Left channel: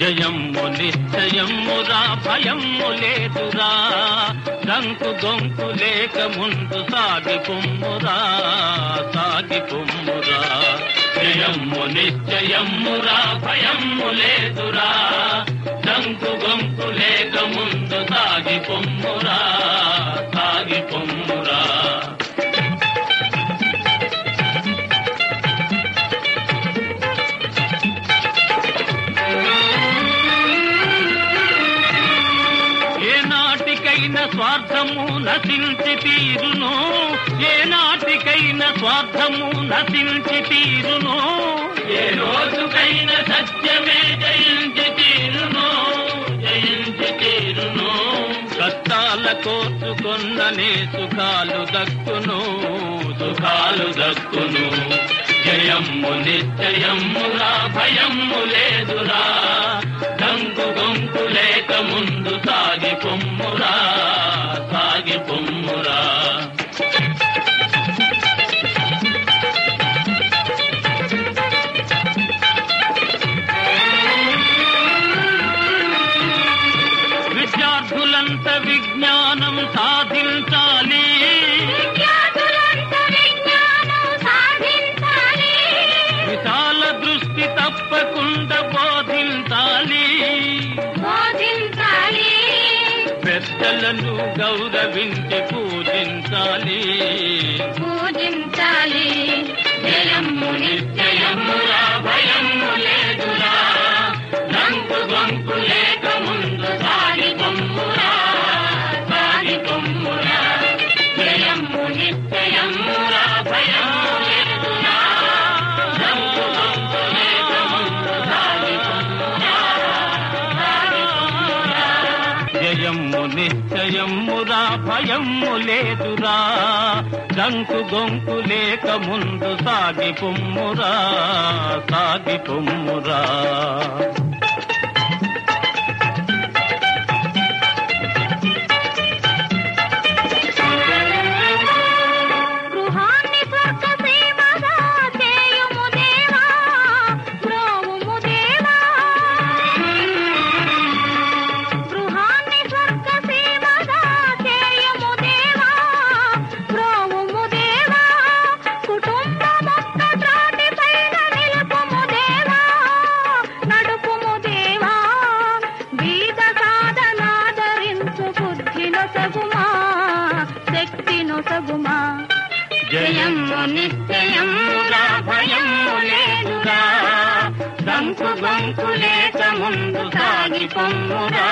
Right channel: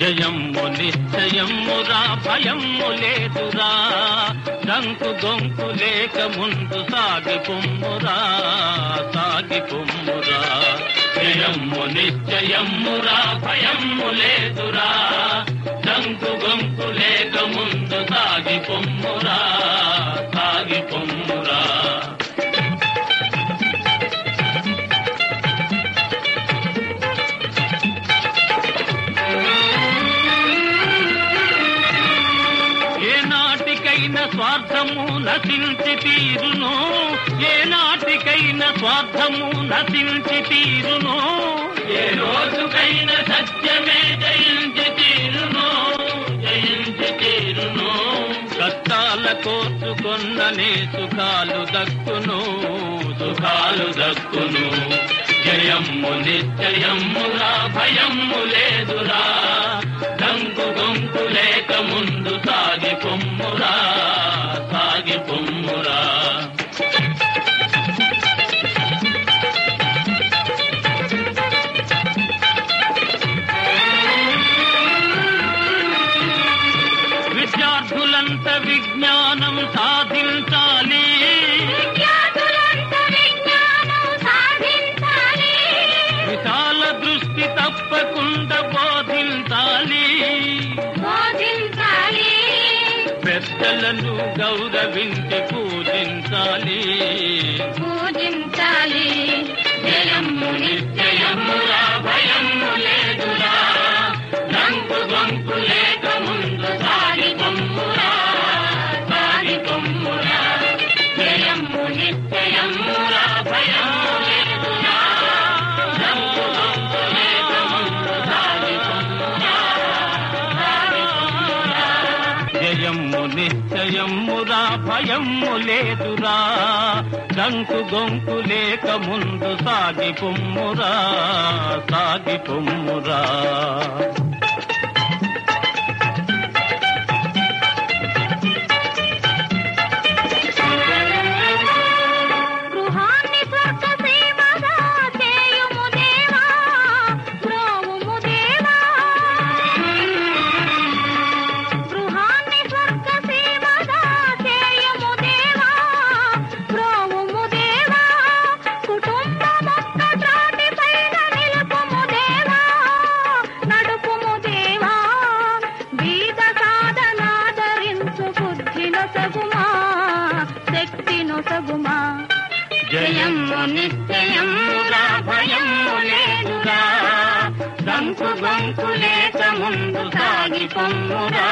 జయమ్ము నిశ్చయమ్మురా భయమ్ము లేదురా దంకు గొంకు లేక ముందు సాగి పొమ్మురా జయమ్ము నిశ్చయమ్మురా భయమ్ము లేదురా దంకు గొంకు లేక ముందు సాగి పొమ్మురా స్వార్థము నశించి తీరును ఏనాటికైనా స్వార్థము నశించి తీరును ఏ రోజుకైనా సత్యమే జయించి తీరును కష్టాల కోర్చుకొన్ననే సుఖాలు దక్కును జయమ్ము నిశ్చయమ్మురా భయమ్ము లేదురా దంకు గొంకు లేక ముందు సాగి పొమ్మురా విద్యార్థులంత విజ్ఞానం సాధించాలి విశాల దృష్టి తప్పకుండా బోధించాలి పెద్దలను గౌరవించి పూజించాలి జయమ్ము నిశ్చయమ్మురా భయమ్ము లేదురా దంకు గొంకు లేక ముందు సాగి పొమ్మురా జయమ్ము నిశ్చయమ్మురా భయమ్ము లేదురా దంకు గొంకు లేక ముందు సాగి పొమ్మురా జయమ్ము నిశ్చయమ్మురా భయమ్ము లేదురా దంకు గొంకు లేక ముందు సాగి పొమ్మురా జయమ్ము నిశ్చయమ్మురా భయమ్ము లేదురా దంకు గొంకు లేక ముందు సాగి పొమ్మురా